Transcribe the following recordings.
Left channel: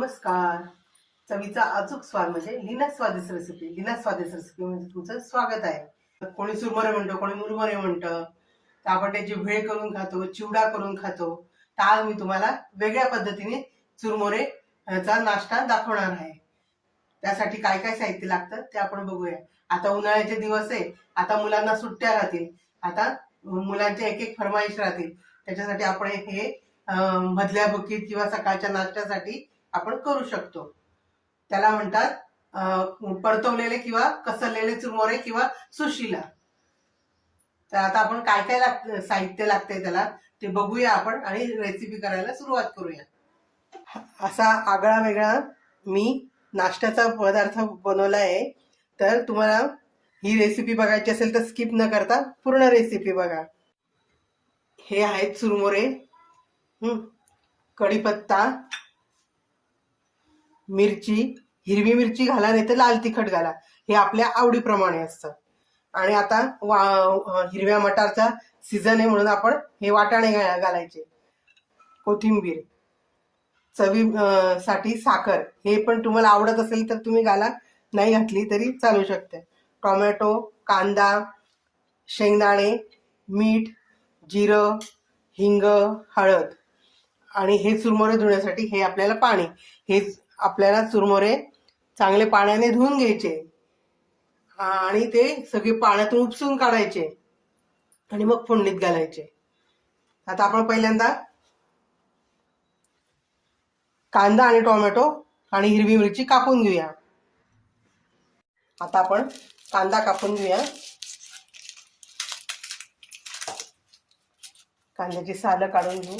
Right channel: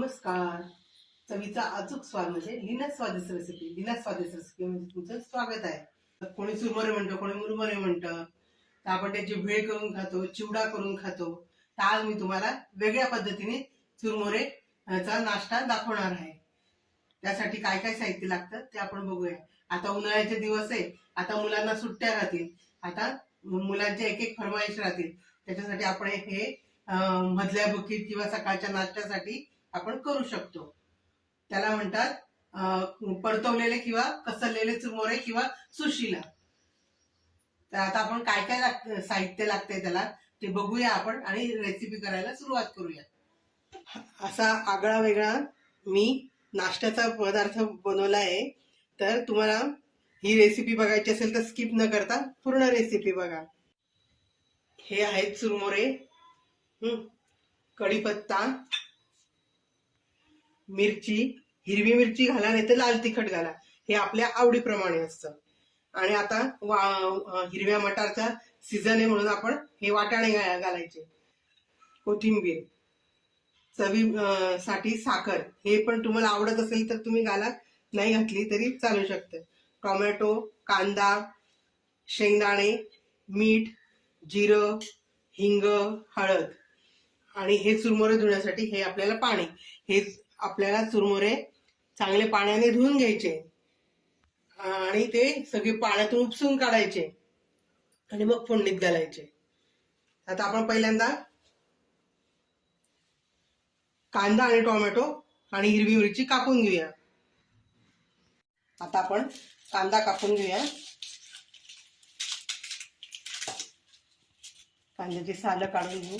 नमस्कार. चवीचा अचूक स्वाद म्हणजे लीना स्वादिष्ट रेसिपी. लीना स्वादिष्ट रेसिपी म्हणजे तुमचं स्वागत आहे. कोणी सुरमरे म्हणतो, कोणी मुरमरे म्हणतं. तर आपण त्याची भेळ करून खातो, चिवडा करून खातो. तर आज मी तुम्हाला वेगळ्या पद्धतीने चुरमुरे चा नाश्ता दाखवणार आहे. त्यासाठी काय काय साहित्य लागतं ते आपण बघूया. आता उन्हाळ्याचे दिवस आहे, आता मुलांना सुट्ट्या राहतील, आता मुलांच्या एक एक फरमाईश राहतील. त्याच्यासाठी आपण हे मधल्या भुकीत किंवा सकाळच्या नाश्त्यासाठी आपण करू शकतो. त्याला म्हणतात परतवलेले किंवा कसरलेले चुरमुरे किंवा सुशिला. तर आता आपण काय काय साहित्य लागतंय त्याला ते बघूया आपण आणि रेसिपी करायला सुरुवात करूया. असा आगळा वेगळा मी नाश्त्याचा पदार्थ बनवला आहे. तर तुम्हाला ही रेसिपी बघायची असेल तर स्किप न करता पूर्ण रेसिपी बघा. हे आहेत चुरमुरे, कढीपत्ता, मिरची, हिरवी मिरची घाला नाही तर लाल तिखट घाला, हे आपल्या आवडीप्रमाणे असतं. आणि आता हिरव्या मटारचा सीझन आहे म्हणून आपण हे वाटाणे घालायचे. कोथिंबीर, चवी साठी साखर, हे पण तुम्हाला आवडत असेल तर तुम्ही घाला, नाही घातली तरी चालू शकते. टोमॅटो, कांदा, शेंगदाणे, मीठ, जिरं, हिंग, हळद. आणि हे चुरमुरे धुण्यासाठी हे आपल्याला पाणी, हे आपल्याला चुरमुरे चांगले पाण्याने धुवून घ्यायचे आणि ते सगळे पाण्यातून उपसून काढायचे आणि मग फोडणीत घालायचे. आता आपण पहिल्यांदा कांदा आणि टोमॅटो आणि हिरवी मिरची कापून घेऊया. आता आपण कांदा कापून घेऊया. कांद्याची सालं काढून घेऊ.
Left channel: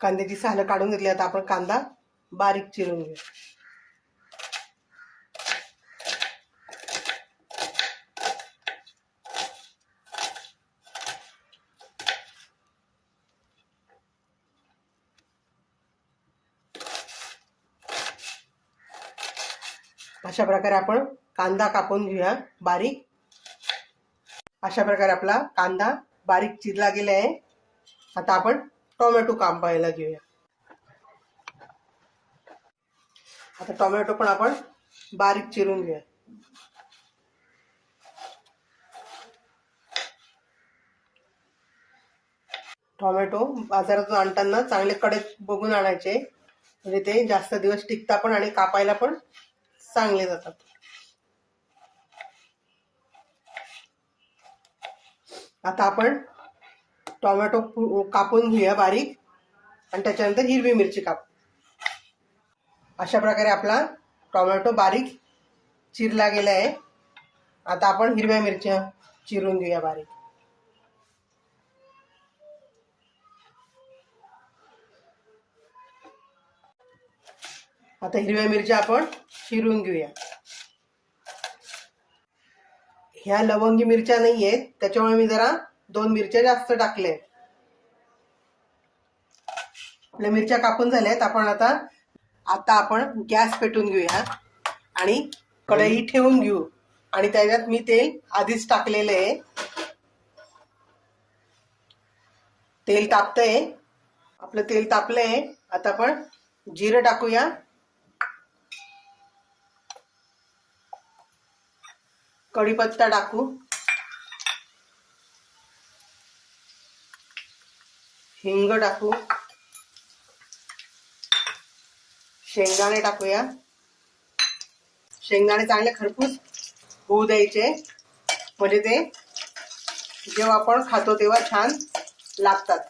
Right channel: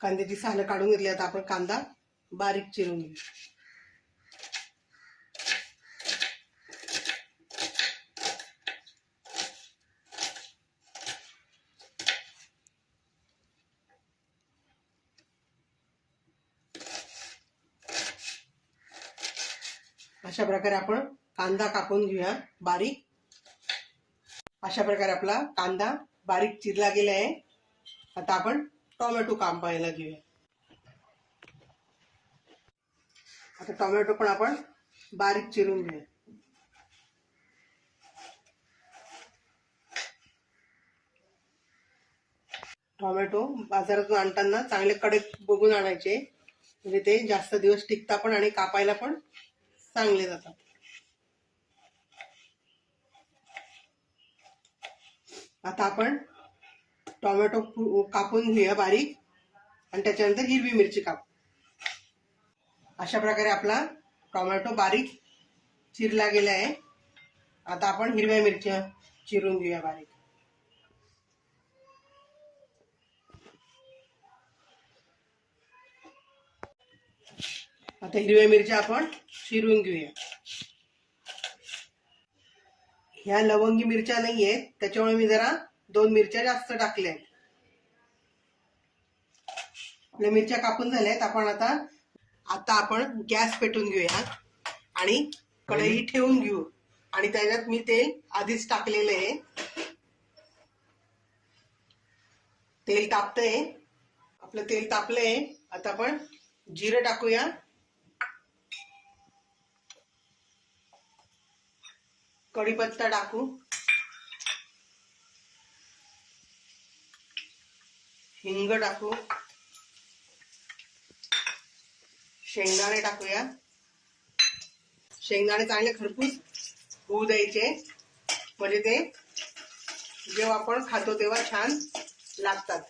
कांद्याची सालं काढून घेतली. आता आपण कांदा बारीक चिरून घेऊ. अशा प्रकारे आपण कांदा कापून घेऊया बारीक. अशा प्रकारे आपला कांदा बारीक चिरला गेला आहे. आता आपण टोमॅटो कापायला घेऊया. आता टोमॅटो पण आपण बारीक चिरून घेऊया. टोमॅटो बाजारातून आणताना चांगले कडक बघून आणायचे, म्हणजे ते जास्त दिवस टिकतात पण आणि कापायला पण चांगले जातात. आता आपण टोमॅटो कापून घेऊया बारीक आणि त्याच्यानंतर हिरवी मिरची कापू. अशा प्रकारे आपला टोमॅटो बारीक चिरला गेला आहे. आता आपण हिरव्या मिरच्या चिरून घेऊया बारीक. आता हिरव्या मिरच्या आपण चिरून घेऊया. ह्या लवंगी मिरच्या नाही आहेत, त्याच्यामुळे मी जरा 2 मिरच्या जास्त टाकल्या. आपल्या मिरच्या कापून झाल्यात. आपण आता आपण गॅस पेटवून घेऊया आणि कढई ठेवून घेऊ. आणि त्याच्यात मी तेल आधीच टाकलेलं आहे. तेल तापतंय. आपलं तेल तापलंय. आता आपण जिरं टाकूया. कढीपत्ता टाकू. हिंग टाकू. शेंगदाणे टाकूया. शेंगदाणे चांगले खरपूस होऊ द्यायचे, म्हणजे ते जेव्हा आपण खातो तेव्हा छान लागतात.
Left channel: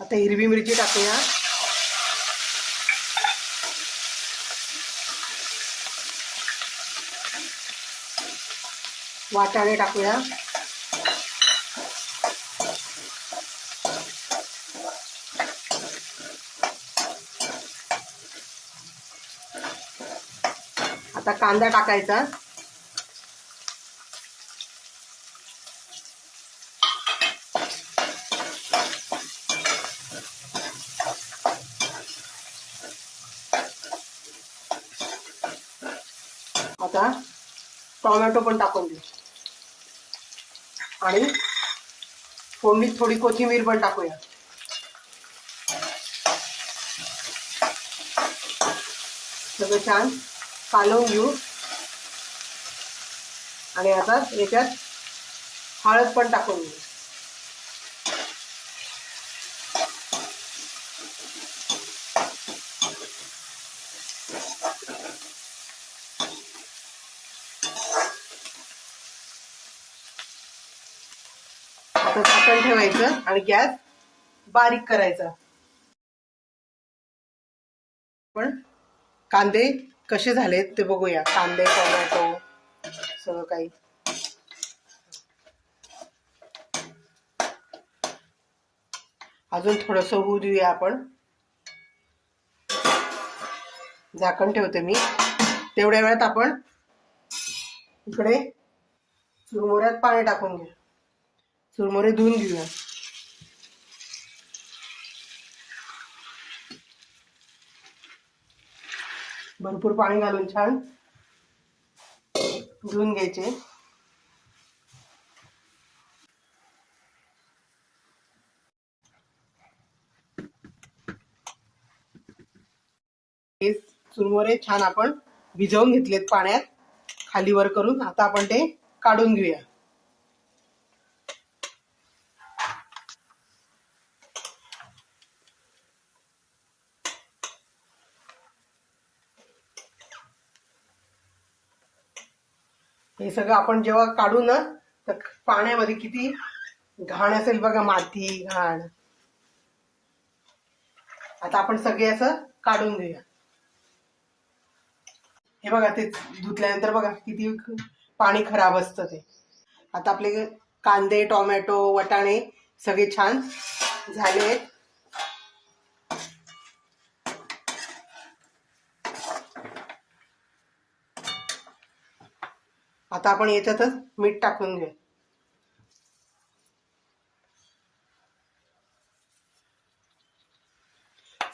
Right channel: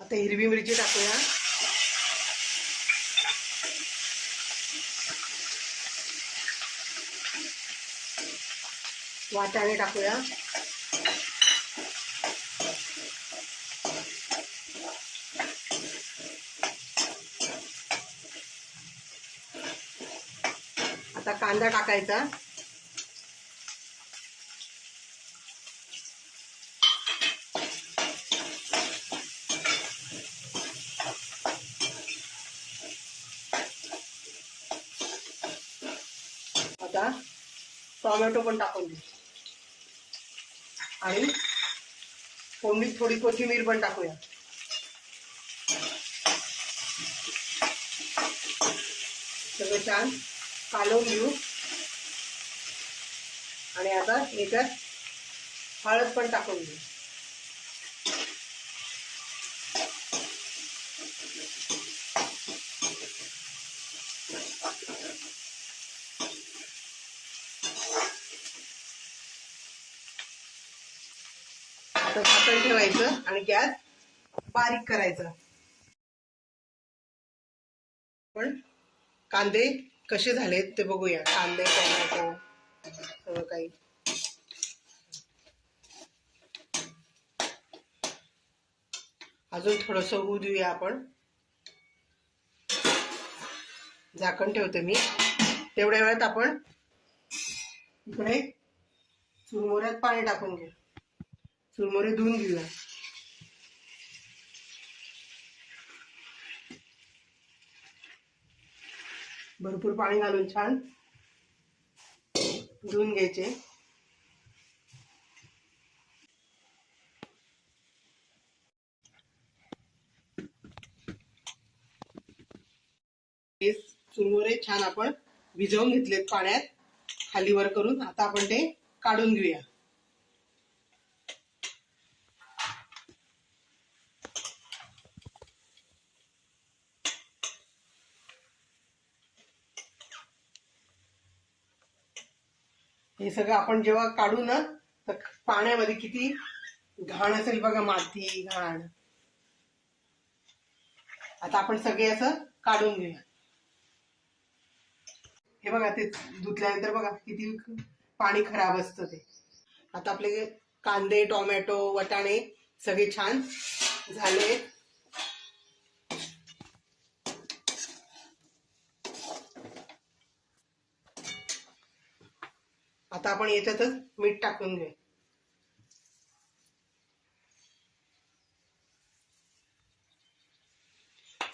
आता हिरवी मिरची टाकूया. वाटाणे टाकूया. आता कांदा टाकायचा. आता टोमॅटो पण टाकून देऊ आणि फोडणीत थोडी कोथिंबीर पण टाकूया. सगळं छान कालवून घेऊ आणि आता याच्यात हळद पण टाकून घेऊ. आता झाकण ठेवायचं आणि गॅस बारीक करायचा. पण कांदे कसे झालेत ते बघूया. कांदे टोमॅटो सगळं काही अजून थोडंसं होऊ देऊया आपण. झाकण ठेवते मी. तेवढ्या वेळात आपण इकडे चुरमुऱ्यात पाणी टाकून घेऊ. चुरमुरे धुवून घेऊया. भरपूर पाणी घालून छान धुवून घ्यायचे. हे चुरमुरे छान आपण भिजवून घेतलेत पाण्यात खाली वर करून. आता आपण ते काढून घेऊया. हे सगळं आपण जेव्हा काढू ना तर पाण्यामध्ये किती घाण असेल बघा, माती घाण. आता आपण सगळे असं काढून घेऊया. हे बघा ते धुतल्यानंतर बघा किती पाणी खराब असतं ते. आता आपले कांदे टोमॅटो वटाणे सगळे छान झाले. आता आपण याच्यातच मीठ टाकून घेऊ.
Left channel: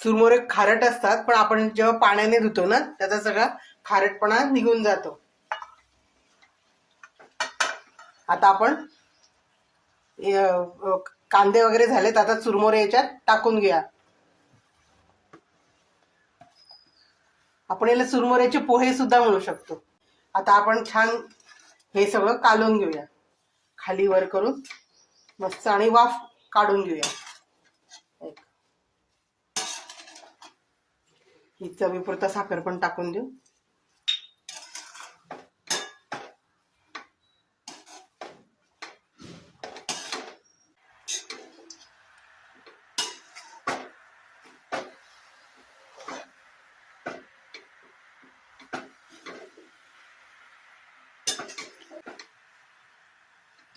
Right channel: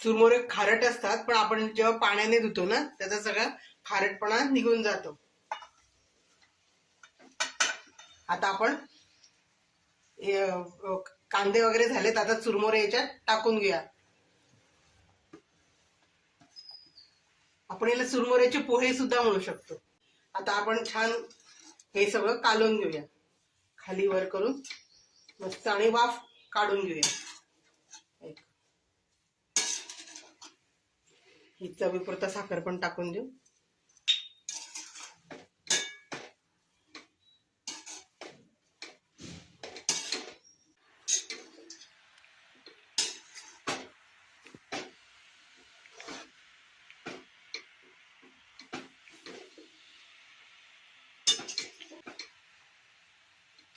चुरमुरे खारट असतात पण आपण जेव्हा पाण्याने धुतो ना त्याचा सगळा खारटपणा निघून जातो. आता आपण कांदे वगैरे झालेत. आता चुरमुरे याच्यात टाकून घ्या. आपण याला चुरमुऱ्याचे पोहे सुद्धा म्हणू शकतो. आता आपण छान हे सगळं कालवून घेऊया खाली वर करून मस्त आणि वाफ काढून घेऊया. ही चवीपुरता साखर पण टाकून देऊ.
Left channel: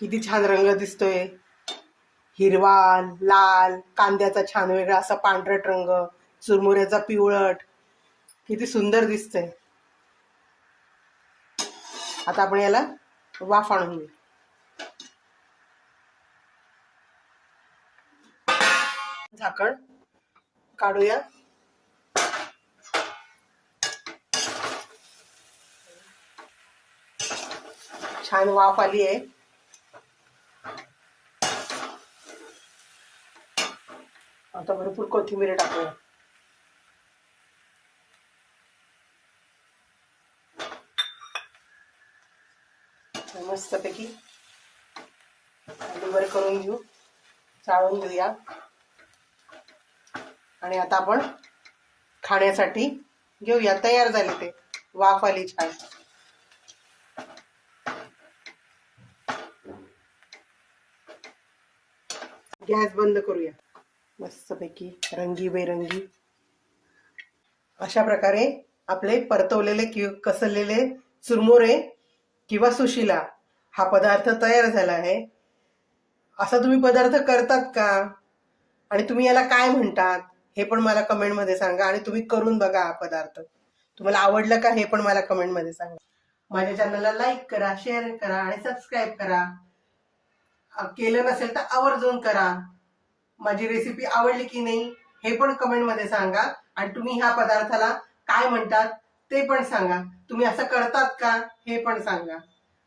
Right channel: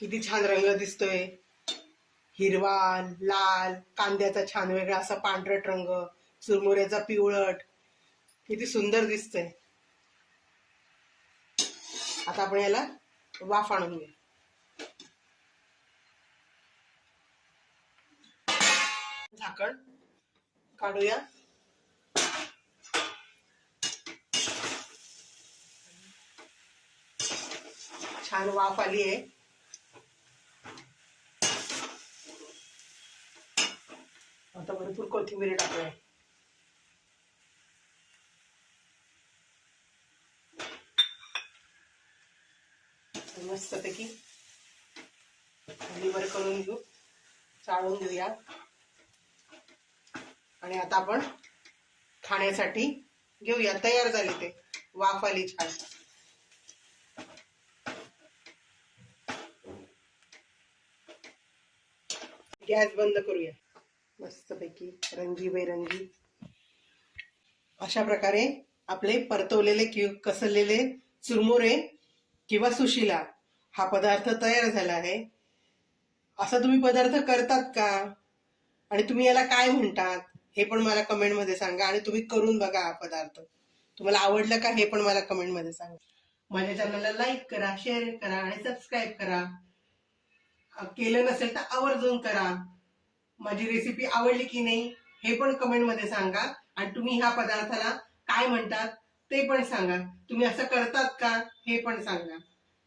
किती छान रंग दिसतोय. हिरवा लाल, कांद्याचा छान वेगळा असा पांढरट रंग, चुरमुऱ्याचा पिवळट, किती सुंदर दिसतंय. आता आपण याला वाफ आणून घेऊ. झाकण काढूया. छान वाफ आली आहे. आता भरपूर कोथिंबीर टाकूया. मस्तपैकी खालीवर करून घेऊ, चाळून घेऊया आणि आता आपण खाण्यासाठी घेऊया. तयार झाले ते. वाफ आली छान. गॅस बंद करूया. मस्तपैकी रंगीबेरंगी अशा प्रकारे आपले परतवलेले कसलेले चुरमुरे किंवा सुशिला हा पदार्थ तयार झाला आहे. असा तुम्ही पदार्थ करतात का आणि तुम्ही याला काय म्हणतात हे पण मला कमेंट मध्ये सांगा. आणि तुम्ही करून बघा. हा पदार्थ तुम्हाला आवडला का हे पण मला कमेंट मध्ये सांगा. माझ्या चॅनलला लाईक करा, शेअर करा आणि सबस्क्राईब करा. केलं नसेल तर आवर्जून करा. माझी रेसिपी आवडली की नाही हे पण कमेंट मध्ये सांगा. आणि तुम्ही ह्या पदार्थाला काय म्हणतात ते पण सांगा. तुम्ही असं करतात का हे पण सांगा.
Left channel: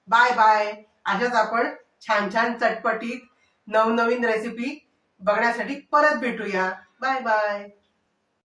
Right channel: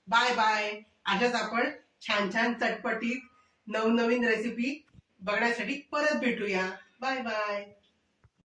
Bye bye. अशाच आपण छान छान चटपटीत नवनवीन रेसिपी बघण्यासाठी परत भेटूया. Bye bye.